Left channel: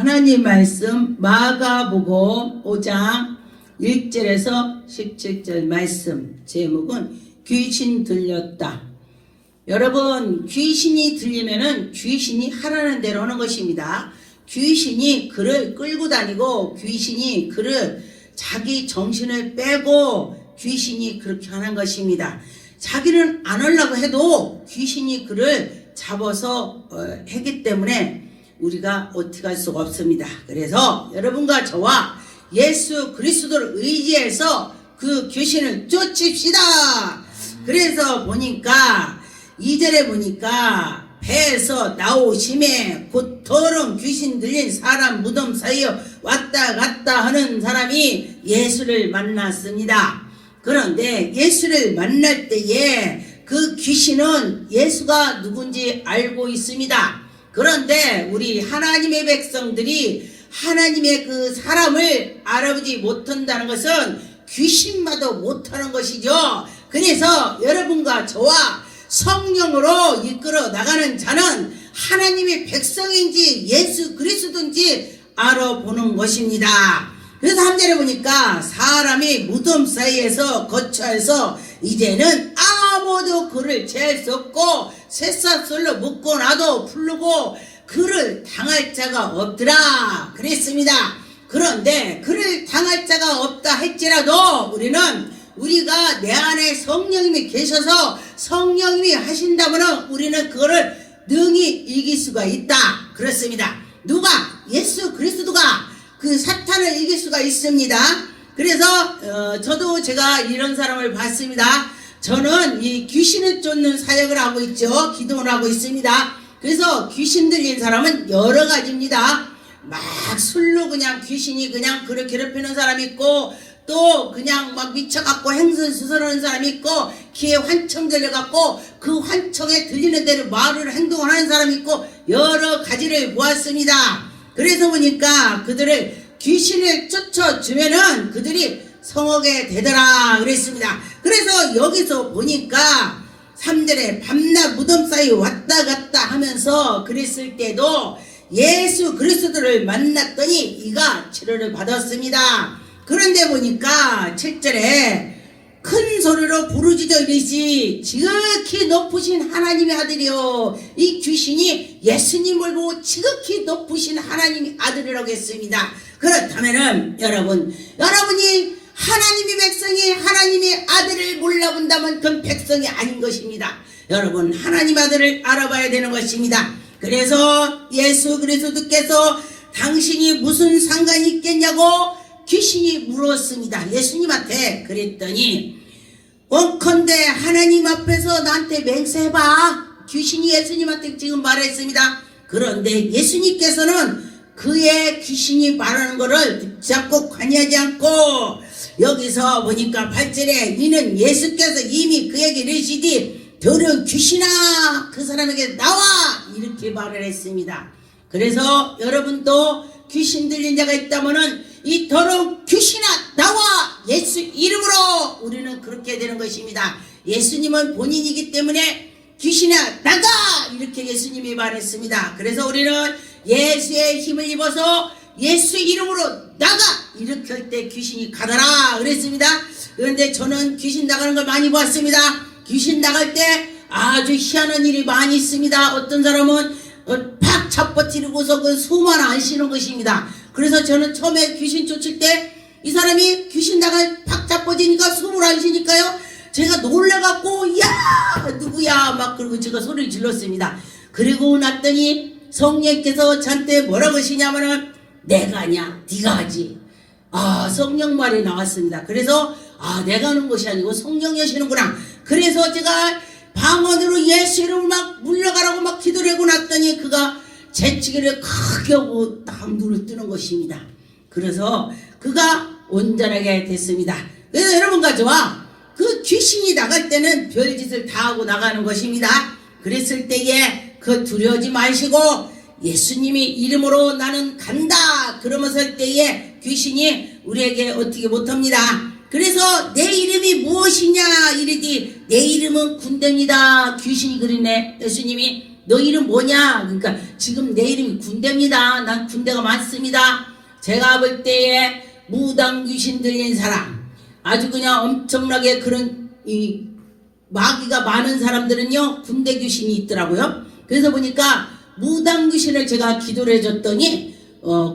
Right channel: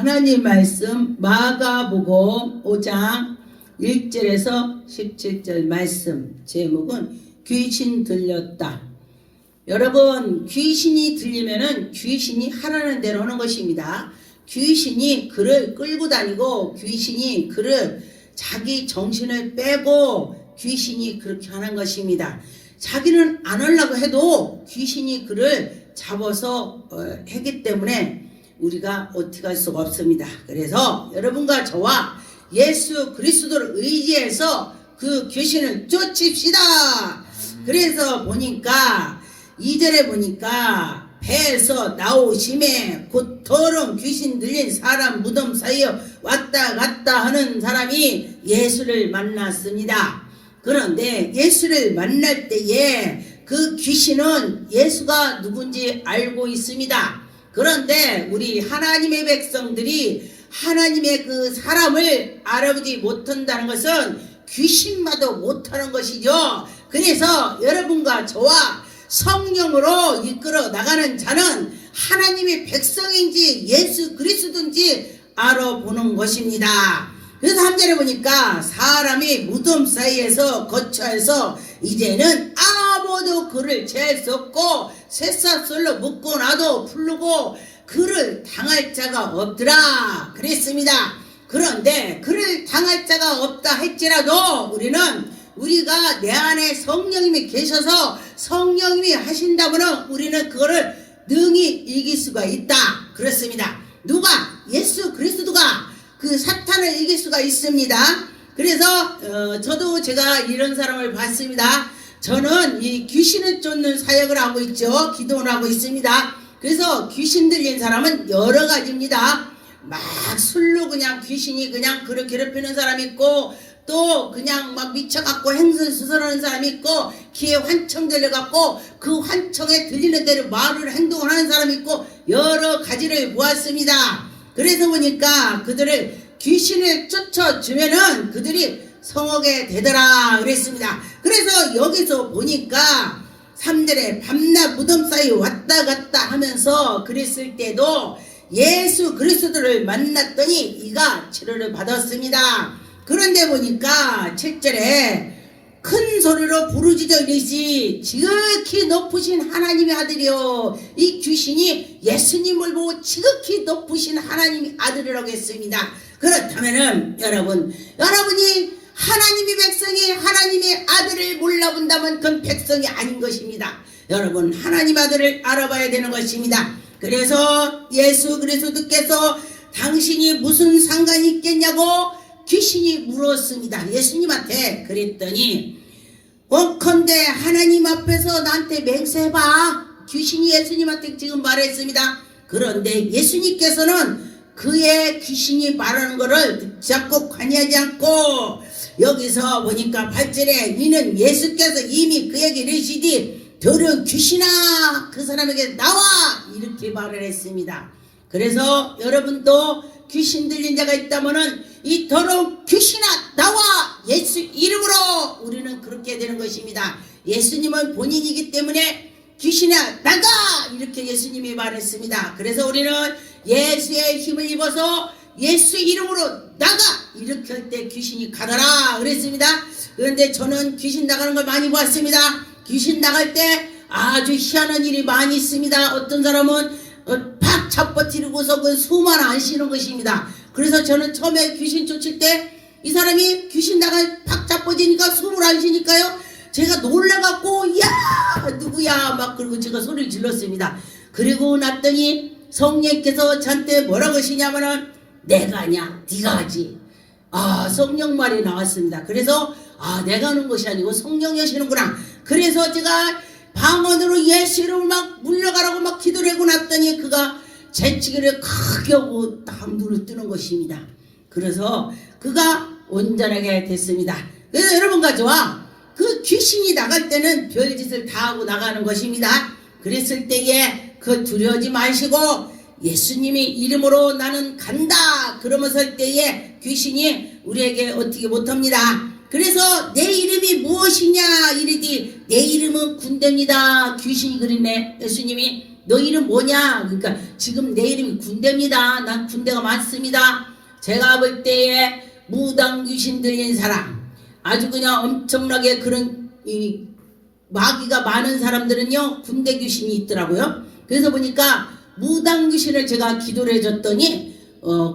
하나님 말씀 마가복음 5장 1절에서 17절 말씀, 제목은 귀신 들렸다. 여러분, 귀신이 들리면은 귀신이 하라는 대로 하는 것입니다. 귀신이 그를 끌고 다니고 귀신이 그를 자기 정신을 빼고 귀신이 그렇게 하는 것입니다. 자기는 안 하려고 해도 귀신이 그를 잡아서 하기 때문에 우리가 어떻게 할 수가 없습니다. 그래서 여러분과 저와 예수 그리스도를 의지해서 그 귀신을 쫓읍시다. 그래서 보니까 2절에 보니까 배에서 나오심에 곧 더러운 귀신 들린 사람 무덤 사이에 왔다 갔다 하는 사람이 예수를 만났습니다. 그런데 예수를 만날 때에 그 귀신은 예수가 누군지 알고 있습니다. 그런데 우리 하나님의 백성들이 하나님의 그 사람을 알아보지 못한다는 것은 귀신마도 못하는 것이죠. 그래서 여러분과 저와 성령으로 이끌어 나가는 자는 하나님의 백성인지 예수 그리스도인지 알아보는 것입니다. 그래서 3절에 보니까 사람이 무덤 사이에서 거처해서 이제는 아무도 그를 제할 수 없고 쇠사슬로 묶어놔도 풀르고 그를 당할 자가 없더라 그랬습니다. 그런데 그를 당할 자가 없다 할지라도 우리가 내 안에 성령님이 계셔서 성령님이 하신다면 우리는 그거를 능히 이길 수가 있다 그렇습니다. 누가? 예수 그리스도가 그 사탄을 이길 수가 있습니다. 그래서 저도 제가 이런 사람을 봤습니다. 저는 이 귀신을 쫓는 사역을 하고 있죠. 기도를 하고 있습니다. 그래서 귀신 들린 사람은 여러 가지입니다. 막 술로 그냥 귀신이 그냥 그를 괴롭히는 사람이 있고, 또 그냥 막 미쳐갖고 행선수설하는 사람이 있고, 귀에 환청 들려갖고 그 환청에 들리는 대로 말을 행동을 하는 사람이 있고, 여러 가지를 보았습니다. 그래서 보니까 그들을 귀신을 쫓아주면은 그들이 성하게 되더라 그랬습니다. 그래서 여기서 보니까 3절에 밤낮 무덤 사이 왔다 갔다 하면서 그랬을 때도 예수 그리스도를 만났더니 이가 치료를 받았습니다. 그런데 보니까 7절에 큰 소리로 부르짖어 이르시 지극히 높으신 하나님의 아들이요, 이 귀신이 예수님을 보고 지극히 높으신 하나님의 아들이라고 했습니다. 그렇다면은 여러분이 하나님의 백성이 하나님의 아들을 몰라본다면 그건 백성이 아닌 것입니다. 여러분, 하나님 아들을 알아봐야 되는 것입니다. 그래서 예수 그리스도께서 당신이 무슨 상관이 있겠냐고 귀신이 물었습니다. 예수님한테. 그랬더니 원컨대 하나님 앞에서 나한테 맹세해봐. 귀신이 예수님한테 지금 말했습니다. 그런데 예수님께서는 그의 귀신이 말하는 것을 붙잡고 관여하지 않고 여기서 보니까 8절에 이는 예수께서 이미 그에게 이르시되 더러운 귀신아 그 사람에게 나와 이렇게 말을 했습니다. 그래서 여러분도 귀신 들린 자가 있다면은 이 더러운 귀신아 나와 예수 이름으로 우리는 그렇게 되는 것입니다. 예수님은 본인이기 때문에 귀신아 나가 이렇게 예수님이 말했습니다. 그래서 우리는 예수의 힘을 입어서 예수 이름으로 나가 이렇게 할 때 귀신이 가더라 그랬습니다. 그런데 저는 귀신 나가는 걸 많이 봤습니다. 귀신 나갈 때 아주 희한한 일이 많이 있습니다. 어떤 사람은 팍 잡아뜨리고서 그 숨을 안 쉬는 것입니다. 그래서 저는 처음에 귀신 쫓을 때 이 사람이 귀신 나갈 팍 잡아지니까 숨을 안 쉬니까요, 제가 놀래갖고 야 누구야 막 그러고 제가 소리를 질렀습니다. 그리고 났더니 성령께서 저한테 뭐라고 하시냐면은 내가 아니야 네가 하지. 성령 말이 나왔습니다. 그래서 내가 하는 것이 아니고 성령이 하시는구나. 그래서 제가 방언으로 예수 이름을 막 물러가라고 막 기도를 하고 났더니 그가 재치기를 크게 하고 딱 눈을 뜨는 것입니다. 그래서 그가 온전하게 됐습니다. 그래서 여러분과 저와 그 귀신이 나갈 때는 별짓을 다 하고 나가는 것입니다. 그랬을 때에 그 두려워하지 마시고 예수님이 이름으로 나는 간다 그러면서 할 때에 귀신이 우리에게 어떻게 못합니다. 그래서 내 이름이 무엇이냐 이르디 내 이름은 군대입니다. 귀신이 그러네. 예수님이 너 이름 뭐냐? 그러니까 지금 내 이름이 군대입니다. 난 군대가 많습니다. 제가 볼 때에 무당 귀신 들린 사람, 아주 그냥 엄청나게 그런 이 마귀가 많은 사람들은요 군대 귀신이 있더라고요. 그래서 보니까 무당 귀신을 제가 기도를 해줬더니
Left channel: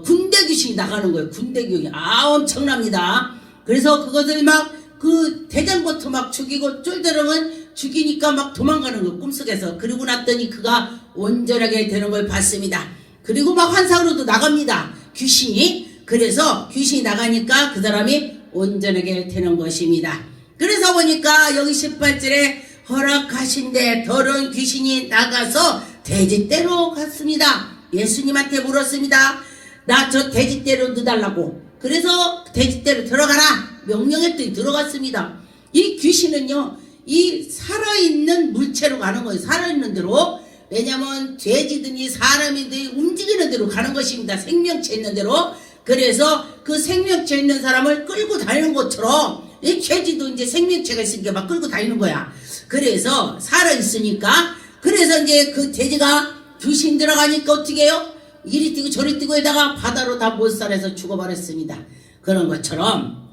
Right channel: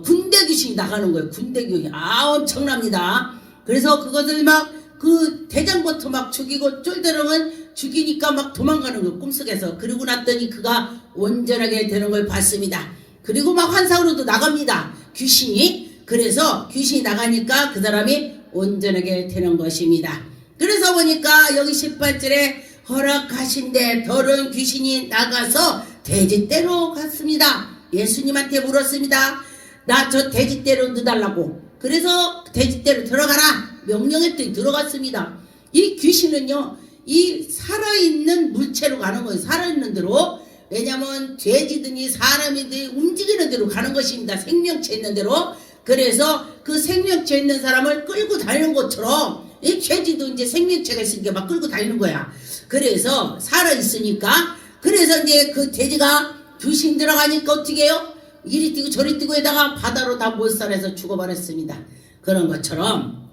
군대 귀신이 나가는 거예요. 군대 귀신. 엄청납니다. 그래서 그것을 막 그 대장부터 막 죽이고 쫄대령은 죽이니까 막 도망가는 거예요. 꿈속에서. 그러고 났더니 그가 온전하게 되는 걸 봤습니다. 그리고 막 환상으로도 나갑니다. 귀신이. 그래서 귀신이 나가니까 그 사람이 온전하게 되는 것입니다. 그래서 보니까 여기 18절에 허락하신데 더러운 귀신이 나가서 돼지떼로 갔습니다. 예수님한테 물었습니다. 나 저 돼지떼로 넣어달라고. 그래서 돼지떼로 들어가라 명령했더니 들어갔습니다. 이 귀신은요 이 살아있는 물체로 가는 거예요. 살아있는 대로. 왜냐면 돼지든지 사람이든지 움직이는 대로 가는 것입니다. 생명체 있는 대로. 그래서 그 생명체 있는 사람을 끌고 다니는 것처럼 이 돼지도 이제 생명체가 있으니까 막 끌고 다니는 거야. 그래서 살아있으니까. 그래서 이제 그 돼지가 귀신 들어가니까 어떻게 해요? 이리 뛰고 저리 뛰고 에다가 바다로 다 몰살해서 죽어버렸습니다. 그런 것처럼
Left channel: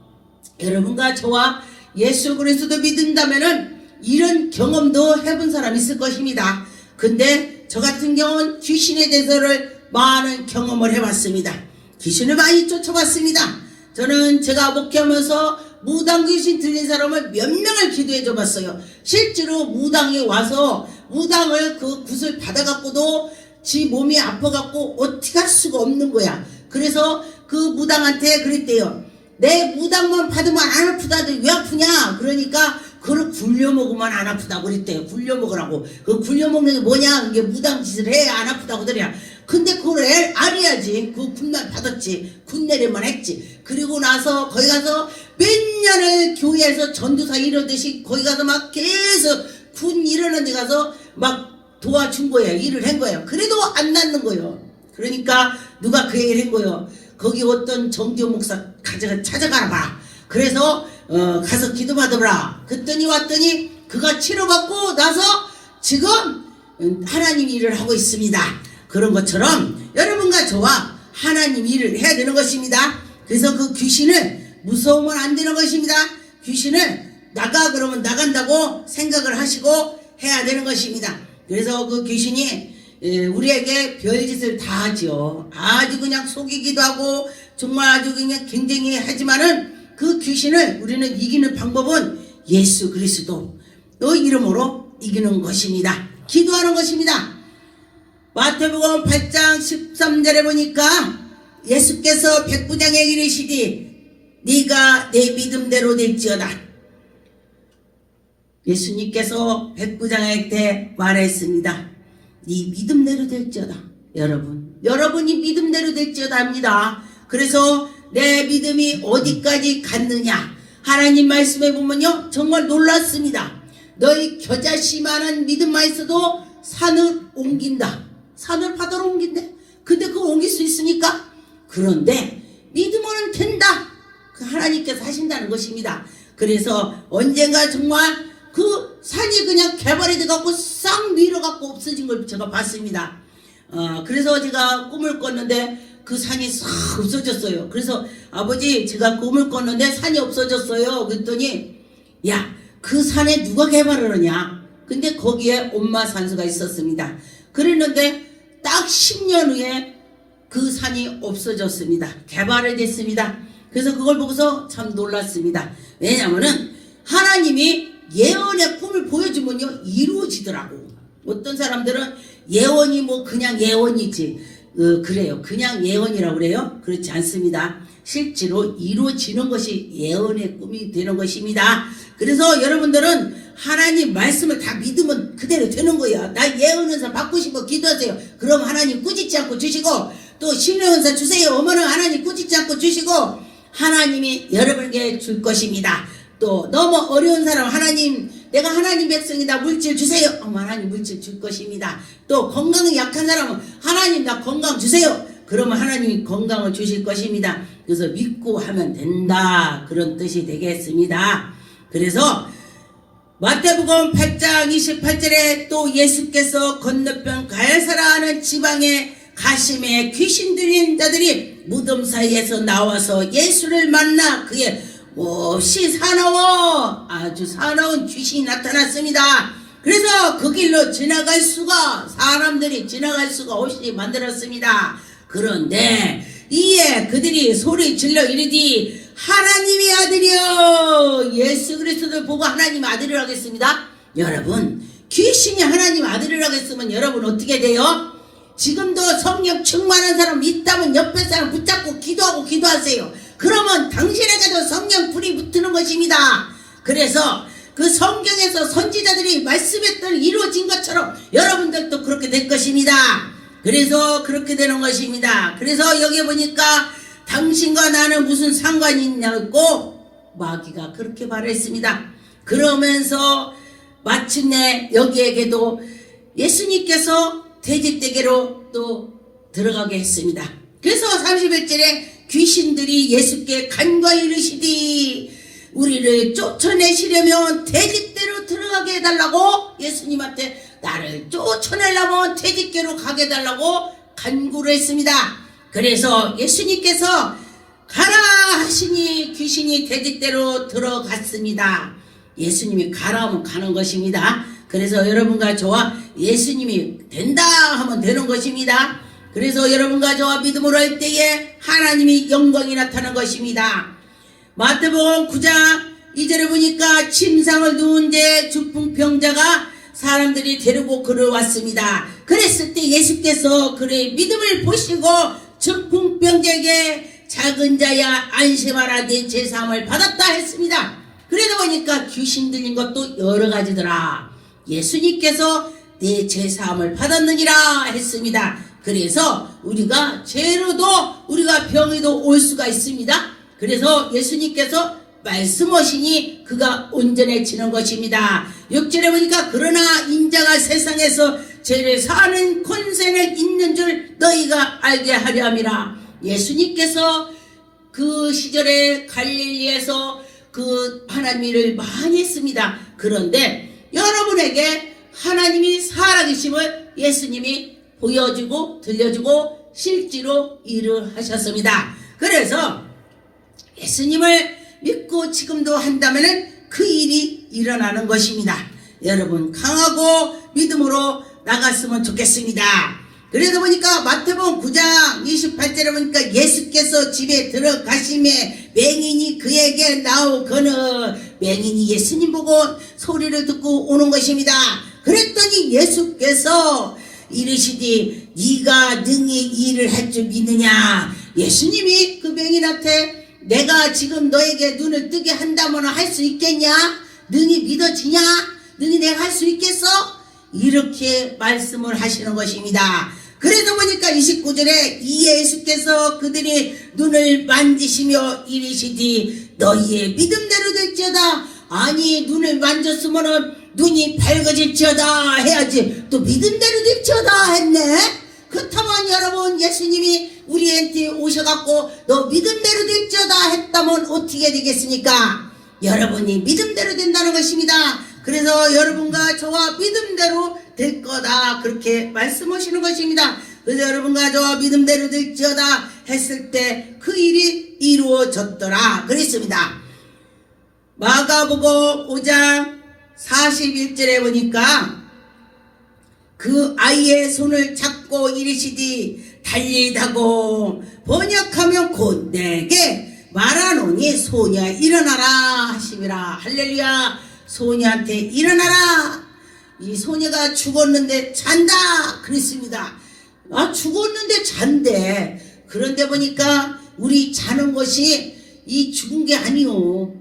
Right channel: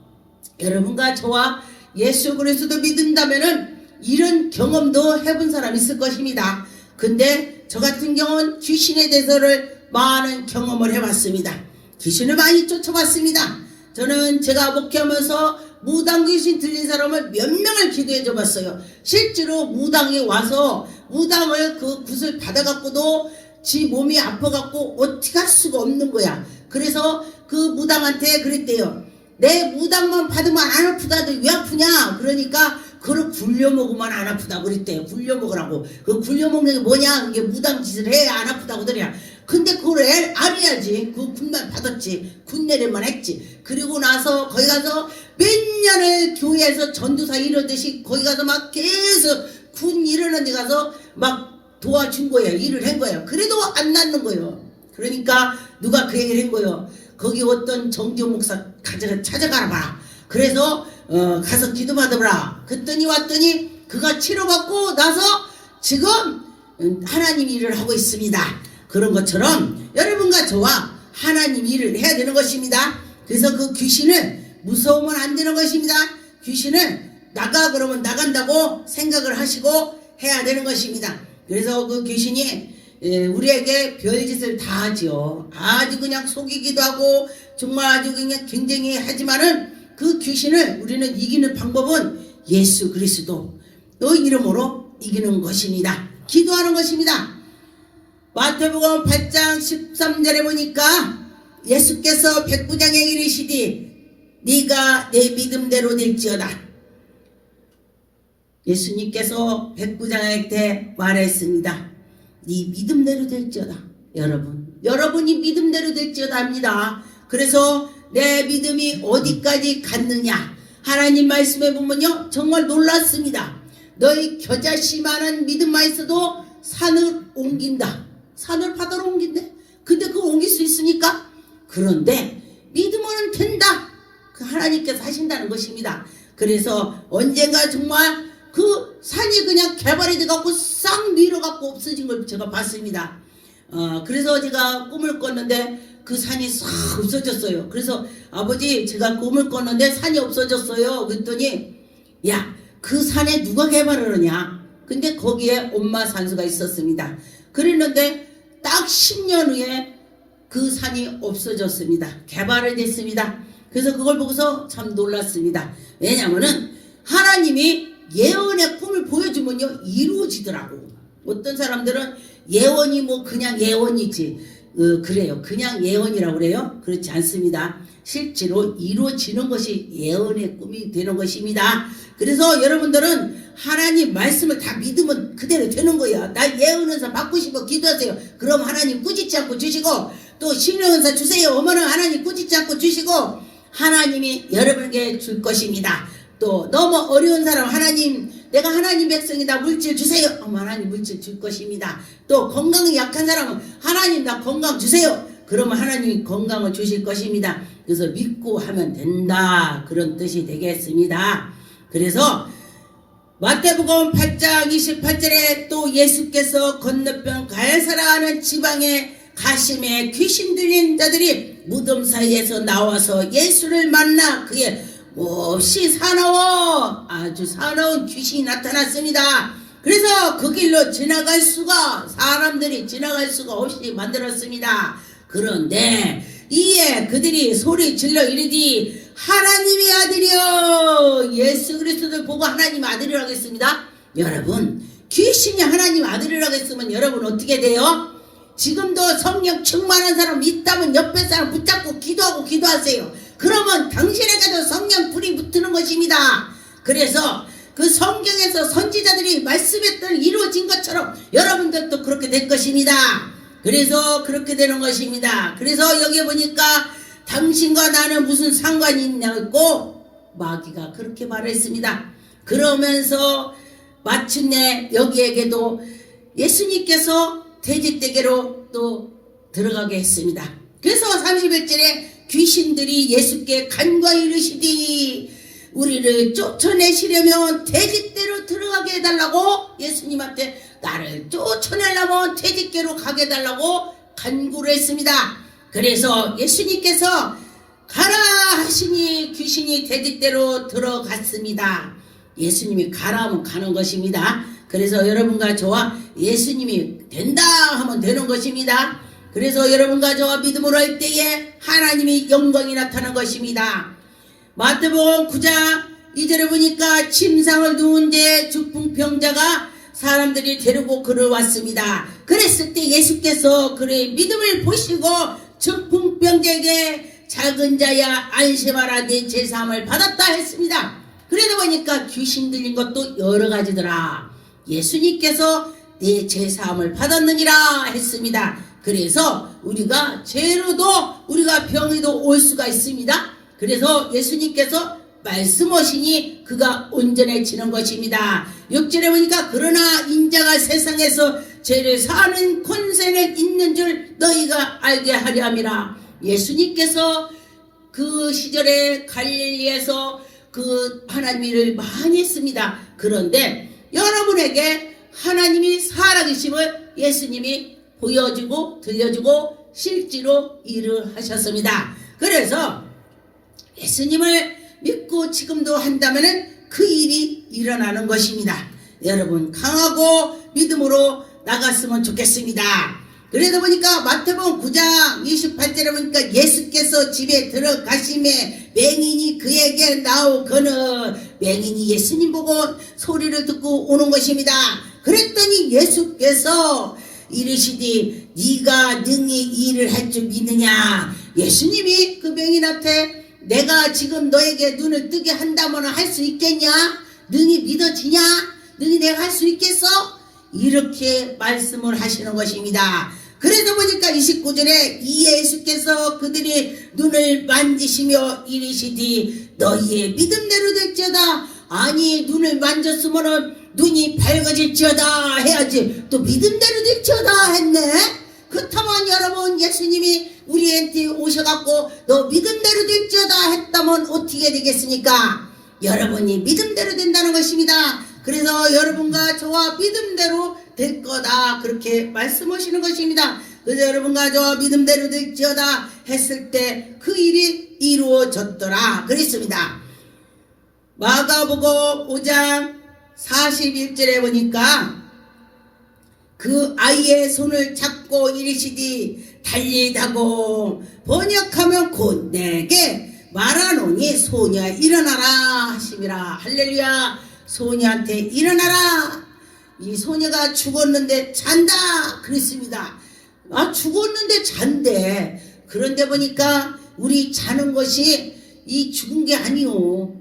여러분과 저와 예수 그리스도 믿는다면은 이런 경험도 해본 사람이 있을 것입니다. 근데 저 같은 경우는 귀신에 대해서를 많은 경험을 해봤습니다. 귀신을 많이 쫓아봤습니다. 저는 제가 목회하면서 무당 귀신 들린 사람을 몇 명을 기도해 줘 봤어요. 실제로 무당이 와서 무당을 그 굿을 받아갖고도 지 몸이 아파갖고 어떻게 할 수가 없는 거야. 그래서 그 무당한테 그랬대요. 내 무당만 받으면 안 아프다. 왜 아프냐? 그러니까 그걸 굴려 먹으면 안 아프다고 그랬대요. 굴려 먹으라고. 그 굴려 먹는 게 뭐냐? 그게 무당 짓을 해야 안 아프다고 그래야. 근데 그걸 알아야지. 그 군날 받았지. 군내리만 했지. 그리고 나서 거기 가서 몇 년을 교회에서 전도사 이러듯이 거기 가서 막 계속 군 일어난 데 가서 막 도와준 거예요. 일을 한 거예요. 그래도 안 낫는 거예요. 그러니까 누가 그 얘기를 한 거예요. 거기 어떤 정교 목사 찾아가라 봐. 그래서 가서 기도 받아보라. 그랬더니 왔더니 그가 치료받고 나서 지금 하나님 일을 하고 있습니다. 그런 것처럼 여러분과 저와 하나님 일을 해야 되는 것입니다. 그래서 그 귀신을 무서우면 안 되는 것입니다. 귀신을 나가 그러면 나간다고 생각을 하시고 해야 되는 것입니다. 그래서 그 귀신이 우리에게 별짓을 다 하죠. 아주 그냥 속이기도 하고 정말 아주 그냥 굉장히 하지만은 그 귀신을 우리는 이기는 방법은 예수 그리스도 또 이름으로 이기는 것입니다. 기도하는 것입니다. 마태복음 8장 13절에 보니까 예수께서 백부장에게 이르시되 네가 내 믿음대로 될지어다. 예수님께서 백부장한테 말했습니다. 네 믿음대로 될지어다. 여러분이 믿음대로 될지어다 합니다. 그래서 내 믿음이 어디까지 갔느냐. 하나님 말씀에 보면요 정말 놀랐습니다. 너희 겨자씨만한 믿음만 있어도 산을 옮긴다. 산을 바다로 옮긴대. 근데 그거 옮길 수 있으니까. 그런데 믿음으로는 된다. 그 하나님께서 하신다는 것입니다. 그래서 언젠가 정말 그 산이 그냥 개발이 돼갖고 싹 밀어갖고 없어진 걸 제가 봤습니다. 그래서 제가 꿈을 꿨는데 그 산이 싹 없어졌어요. 그래서 아버지 제가 꿈을 꿨는데 산이 없어졌어요. 그랬더니 야, 그 산에 누가 개발을 하냐? 근데 거기에 엄마 산소가 있었습니다. 그랬는데 딱 10년 후에 그 산이 없어졌습니다. 개발이 됐습니다. 그래서 그걸 보고서 참 놀랐습니다. 왜냐하면은 하나님이 예언의 꿈을 보여주면요 이루어지더라고. 어떤 사람들은 예언이 뭐 그냥 예언이지 그래요. 그냥 예언이라고 그래요. 그렇지 않습니다. 실제로 이루어지는 것이 예언의 꿈이 되는 것입니다. 그래서 여러분들은 하나님 말씀을 다 믿으면 그대로 되는 거야. 나 예언은사 받고 싶어 기도하세요. 그럼 하나님 꾸짖지 않고 주시고 또 신령은사 주세요. 어머는 하나님 꾸짖지 않고 주시고 하나님이 여러분에게 줄 것입니다. 또 너무 어려운 사람 하나님 내가 하나님 백성이다 물질 주세요. 하나님 물질 줄 것입니다. 또 건강이 약한 사람은 하나님 나 건강 주세요. 그러면 하나님이 건강을 주실 것입니다. 그래서 믿고 하면 된다 그런 뜻이 되겠습니다. 그래서 마태복음 8장 28절에 또 예수께서 건너편 가야사라는 지방에 가심에 귀신 들린 자들이 무덤 사이에서 나와서 예수를 만나 그의 몹시 아주 사나운 귀신이 나타났습니다. 그래서 그 길로 사람들이 지나갈 수가 없이 만들었습니다. 그런데 이에 그들이 소리 질러 이르디 하나님의 아들이여. 예수 그리스도를 보고 하나님 아들이라고 했습니다. 여러분, 귀신이 하나님 아들이라고 했으면 여러분 어떻게 돼요? 지금도 성령 충만한 사람 있다면 옆에 사람 붙잡고 기도하세요. 그러면 당신에게도 성령 불이 붙는 것입니다. 그래서 그 성경에서 선지자들이 말씀했던 이루어진 것처럼 여러분들도 그렇게 될 것입니다. 그래서 그렇게 되는 것입니다. 그래서 여기 보니까 당신과 나는 무슨 상관이 있냐고 마귀가 그렇게 말했습니다. 그러면서 마침내 여기에게도 예수님께서 돼지떼개로 또 들어가게 했습니다. 그래서 31절에 귀신들이 예수께 간과히 이르시디 우리를 쫓아내시려면 돼지떼로 들어가게 해달라고 예수님한테 나를 쫓아내려면 돼지떼로 가게 해달라고 간구를 했습니다. 그래서 예수님께서 가라 하시니 귀신이 돼지떼로 들어갔습니다. 예수님이 가라 하면 가는 것입니다. 그래서 여러분과 저와 예수님이 된다 하면 되는 것입니다. 그래서 여러분과 저와 믿음으로 할 때에 하나님이 영광이 나타나는 것입니다. 마태복음 9장 2절에 보니까 침상을 누운 데 중풍병자가 사람들이 데리고 그를 왔습니다. 그랬을 때 예수께서 그의 믿음을 보시고 중풍병자에게 작은 자야 안심하라 내 제사함을 받았다 했습니다. 그래도 보니까 귀신 들린 것도 여러 가지더라. 예수님께서 내 제사함을 받았느니라 했습니다. 그래서 우리가 죄로도 우리가 병에도 올 수가 있습니다. 그래서 예수님께서 말씀하시니 그가 온전해지는 것입니다. 6절에 보니까 그러나 인자가 세상에서 죄를 사하는 권세는 있는 줄 너희가 알게 하려 함이라. 예수님께서 그 시절에 갈릴리에서 그 하나님의 일을 많이 했습니다. 그런데 여러분에게 하나님이 살아계심을 예수님이 보여주고 들려주고 실제로 일을 하셨습니다. 그래서 예수님을 믿고 지금도 한다면 그 일이 일어나는 것입니다. 여러분 강하고 믿음으로 나갔으면 좋겠습니다. 그래서 보니까 마태복음 9장 28절에 보니까 예수께서 집에 들어가시매 맹인이 그에게 나오거늘 맹인이 예수님 보고 소리를 듣고 오는 것입니다. 그랬더니 예수께서 이르시디 네가 능히 일을 할 줄 믿느냐. 예수님이 그 맹인한테 내가 지금 너에게 눈을 뜨게 한다면 할 수 있겠냐? 능히 믿어지냐? 능히 내가 할 수 있겠어? 이렇게 말씀을 하시는 것입니다. 그래서 보니까 29절에 이 예수께서 그들이 눈을 만지시며 이르시디 너희의 믿음대로 될지어다. 아니 눈을 만졌으면은 눈이 밝아질지어다 해야지 또 믿음대로 될지어다 했네. 그렇다면 여러분 예수님이 우리한테 오셔갖고 너 믿음대로 될지어다 했다면 어떻게 되겠습니까? 여러분이 믿음대로 된다는 것입니다. 그래서 여러분과 저와 믿음대로 될 거다 그렇게 말씀하시는 것입니다. 그래서 여러분과 저와 믿음대로 될지어다 했을 때 그 일이 이루어졌더라 그랬습니다. 마가복음 5장 41절에 보니까 그 아이의 손을 잡고 이르시디 달리다고 번역하면 곧 내게 말하노니 소녀 일어나라 하심이라. 할렐루야. 소녀한테 일어나라. 이 소녀가 죽었는데 잔다 그랬습니다. 아 죽었는데 잔대. 그런데 보니까 우리 자는 것이 이 죽은 게 아니요.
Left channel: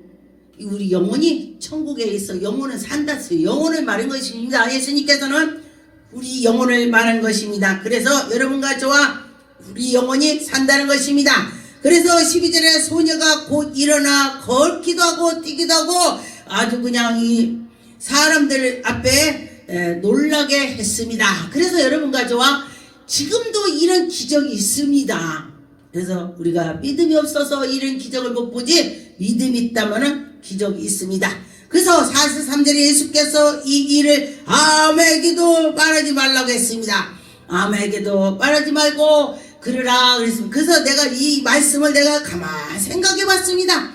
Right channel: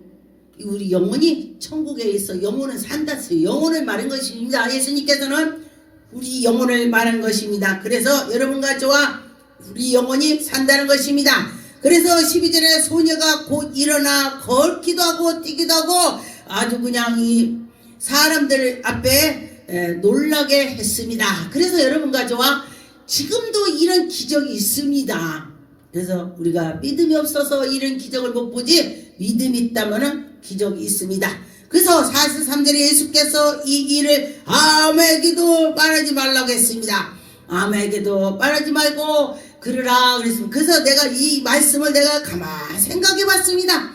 우리 영혼이 천국에 있어. 영혼은 산다. 영혼을 말한 것입니다. 예수님께서는 우리 영혼을 말한 것입니다. 그래서 여러분과 저와 우리 영혼이 산다는 것입니다. 그래서 12절에 소녀가 곧 일어나 걷기도 하고 뛰기도 하고 아주 그냥 이 사람들 앞에 놀라게 했습니다. 그래서 여러분과 저와 지금도 이런 기적이 있습니다. 그래서 우리가 믿음이 없어서 이런 기적을 못 보지 믿음이 있다면 기적이 있습니다. 그래서 43절에 예수께서 이 일을 아무에게도 말하지 말라고 했습니다. 아무에게도 말하지 말고 그러라 그랬습니다. 그래서 내가 이 말씀을 내가 가만히 생각해 봤습니다.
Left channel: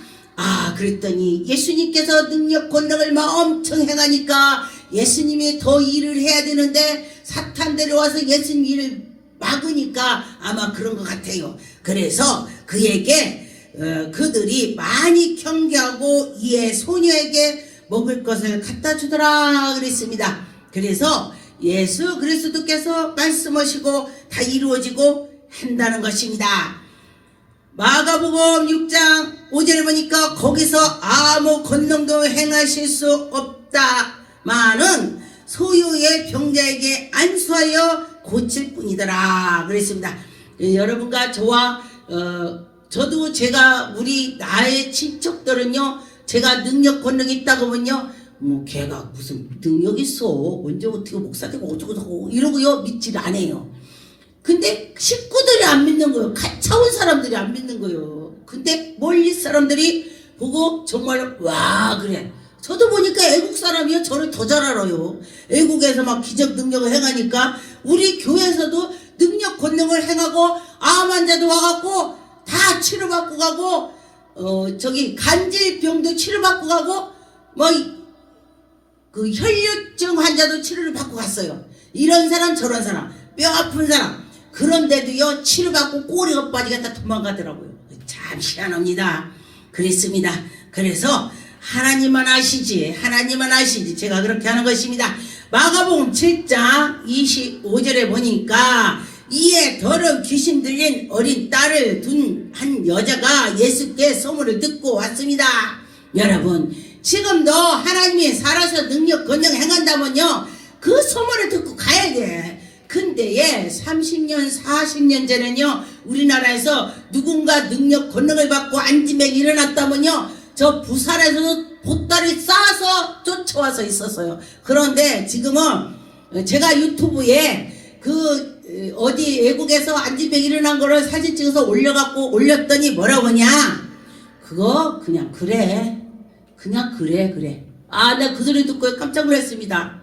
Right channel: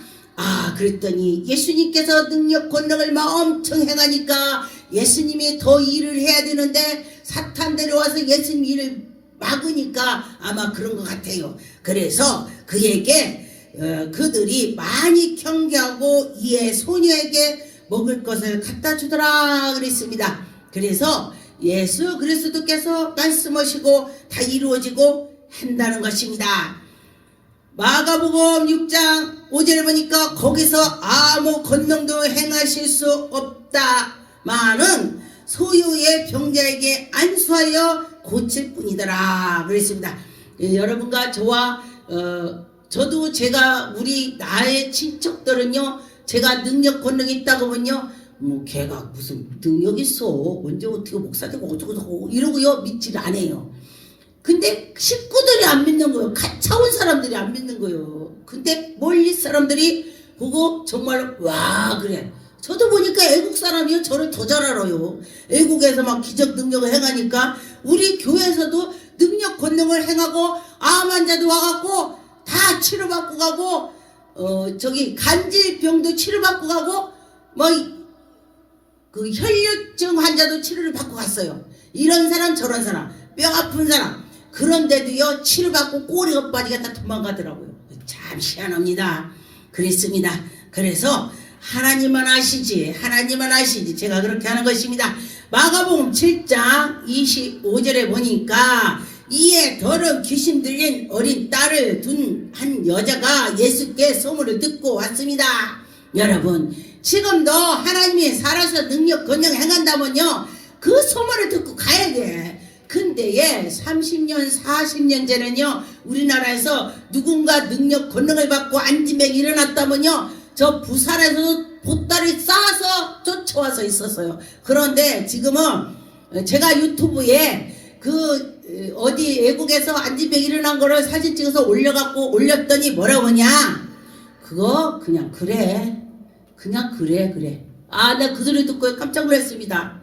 그랬더니 예수님께서 능력 권능을 막 엄청 행하니까 예수님이 더 일을 해야 되는데 사탄 데려와서 예수님 일을 막으니까 아마 그런 것 같아요. 그래서 그에게 그들이 많이 경계하고 이에 소녀에게 먹을 것을 갖다 주더라 그랬습니다. 그래서 예수 그리스도께서 말씀하시고 다 이루어지고 한다는 것입니다. 마가복음 6장 5절에 보니까 거기서 아무 권능도 행하실 수 없다마는 소유의 병자에게 안수하여 고칠 뿐이더라 그랬습니다. 여러분과 저와 저도 제가 우리 나의 친척들은요, 제가 능력 권능이 있다고 하면요, 뭐 걔가 무슨 능력 있어, 언제 어떻게 목사 되고 어쩌고 이러고요 믿지를 않아요. 근데 식구들이 안 믿는 거예요. 같이 온 사람들이 안 믿는 거예요. 근데 멀리 사람들이 보고 정말 와 그래. 저도 보니까 애국 사람이요 저를 더 잘 알아요. 애국에서 막 기적 능력을 행하니까 우리 교회에서도 능력 권능을 행하고 암 환자도 와갖고 다 치료받고 가고 간질병도 치료받고 가고 그 혈류증 환자도 치료를 받고 갔어요. 이런 사람 저런 사람 뼈 아픈 사람 그런데도요 치료받고 꼬리가 빠지겠다 도망가더라고요. 참 희한합니다. 그랬습니다. 그래서 하나님만 아시지 제가 그렇게 하는 것입니다. 마가복음 7장 25절에 보니까 이에 더러 귀신 들린 어린 딸을 둔 한 여자가 예수께 소문을 듣고 왔습니다. 여러분 지금도 하나님이 살아서 능력 권능 행한다면요 그 소문을 듣고 가야 돼. 근데 30년 40년 전에는요 우리나라에서 누군가 능력 권능을 받고 안진병이 일어났다면요 저 부산에서 보따리 싸서 쫓아와서 있었어요. 그런데 지금은 제가 유튜브에 어디 외국에서 안진병 일어난 거를 사진 찍어서 올렸더니 뭐라고 하냐, 그거 그냥 그래. 내가 그 소리 듣고 깜짝 놀랐습니다.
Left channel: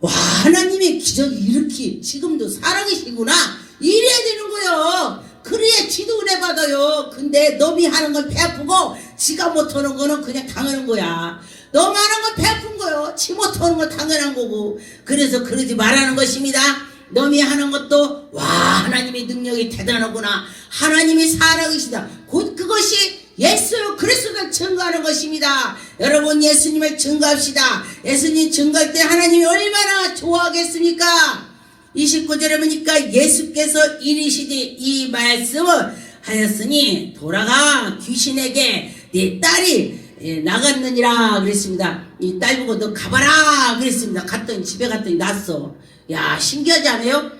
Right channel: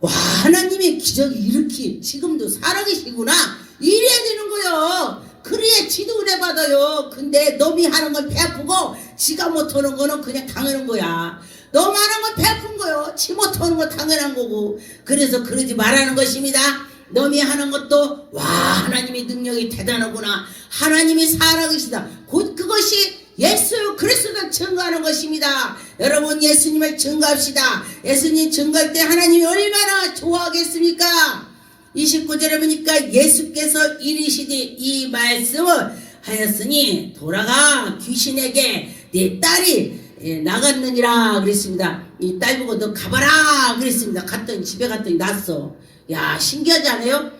와, 하나님의 기적이 이렇게 지금도 살아계시구나 이래야 되는 거요. 그래야 지도 은혜 받아요. 근데 넘이 하는 건 배 아프고 지가 못하는 거는 그냥 당연한 거야. 넘이 하는 건 배 아픈 거요. 지 못하는 건 당연한 거고. 그래서 그러지 말라는 것입니다. 넘이 하는 것도 와 하나님의 능력이 대단하구나. 하나님이 살아계시다. 곧 그것이 예수 그리스도를 증거하는 것입니다. 여러분 예수님을 증거합시다. 예수님 증거할 때 하나님이 얼마나 좋아하겠습니까? 29절에 보니까 예수께서 이르시되 이 말씀을 하였으니 돌아가 귀신에게 네 딸이 나갔느니라 그랬습니다. 이 딸 보고 너 가봐라 그랬습니다. 집에 갔더니 났어. 야 신기하지 않아요?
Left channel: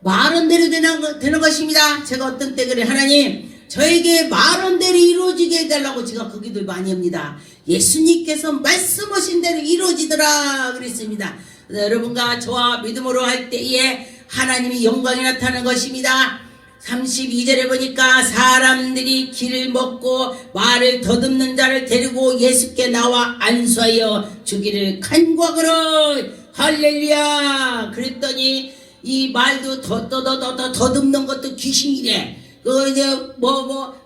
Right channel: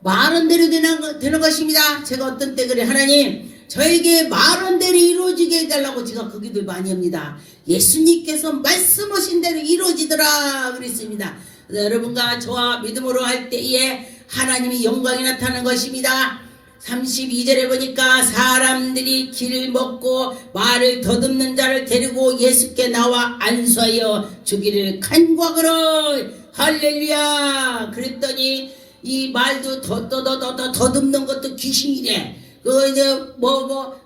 말은 대로 되는 것입니다. 제가 어떤 때 그래, 하나님 저에게 말한 대로 이루어지게 해달라고 제가 그 기도를 많이 합니다. 예수님께서 말씀하신 대로 이루어지더라 그랬습니다. 여러분과 저와 믿음으로 할 때에 하나님의 영광이 나타나는 것입니다. 32절에 보니까 사람들이 길을 먹고 말을 더듬는 자를 데리고 예수께 나와 안수하여 주기를 간구하거라. 할렐루야. 그랬더니 이 말도 더듬는 것도 귀신이래. 이제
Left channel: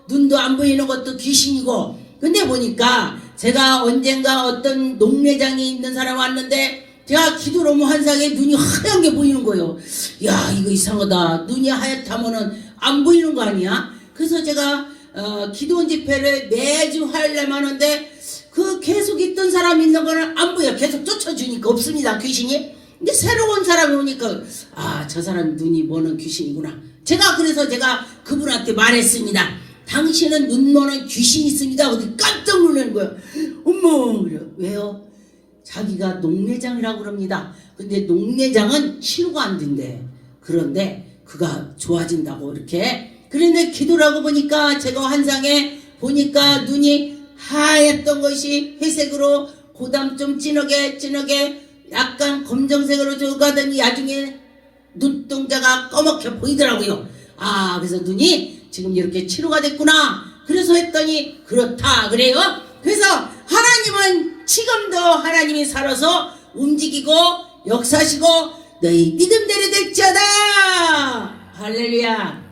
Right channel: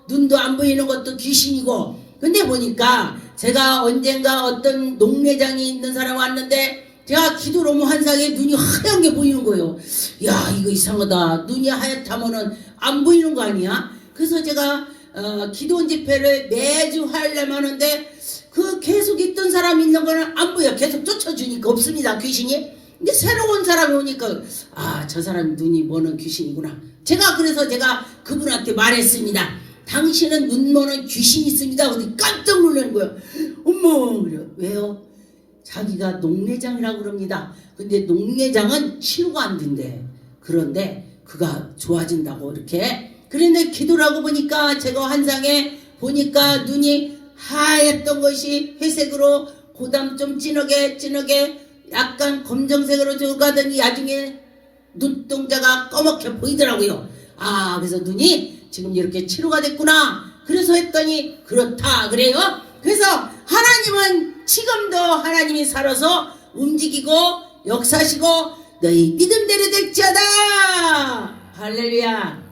눈도 안 보이는 것도 귀신이고. 근데 보니까 제가 언젠가 어떤 농내장이 있는 사람 왔는데 제가 기도로 환상에 눈이 하얀 게 보이는 거예요. 야 이거 이상하다. 눈이 하얗다면은 안 보이는 거 아니야? 그래서 제가 기도 집회를 매주 하려면 하는데 그 계속 있던 사람 있는 거는 안 보여. 계속 쫓아주니까 없습니다 귀신이. 근데 새로운 사람이 오니까 저 사람 눈이 머는 귀신이구나. 그래서 제가 그분한테 말했습니다. 당신은 눈 머는 귀신이 있습니다. 근데 깜짝 놀라는 거예요. 어머 그래. 왜요? 자기가 농내장이라고 그럽니다. 근데 농내장은 치료가 안 된대. 그런데 그가 좋아진다고 이렇게. 그런데 기도를 하고 보니까 제가 환상에 보니까 눈이 하얗던 것이 회색으로 그다음 좀 진하게 약간 검정색으로 가더니 나중에 눈동자가 검게 보이더라고요. 그래서 눈이 지금 이렇게 치료가 됐구나. 그래서 했더니 그렇다 그래요. 그래서 하나님은 지금도 하나님이 살아서 움직이고 역사시고 너희 믿음대로 될지어다. 할렐루야.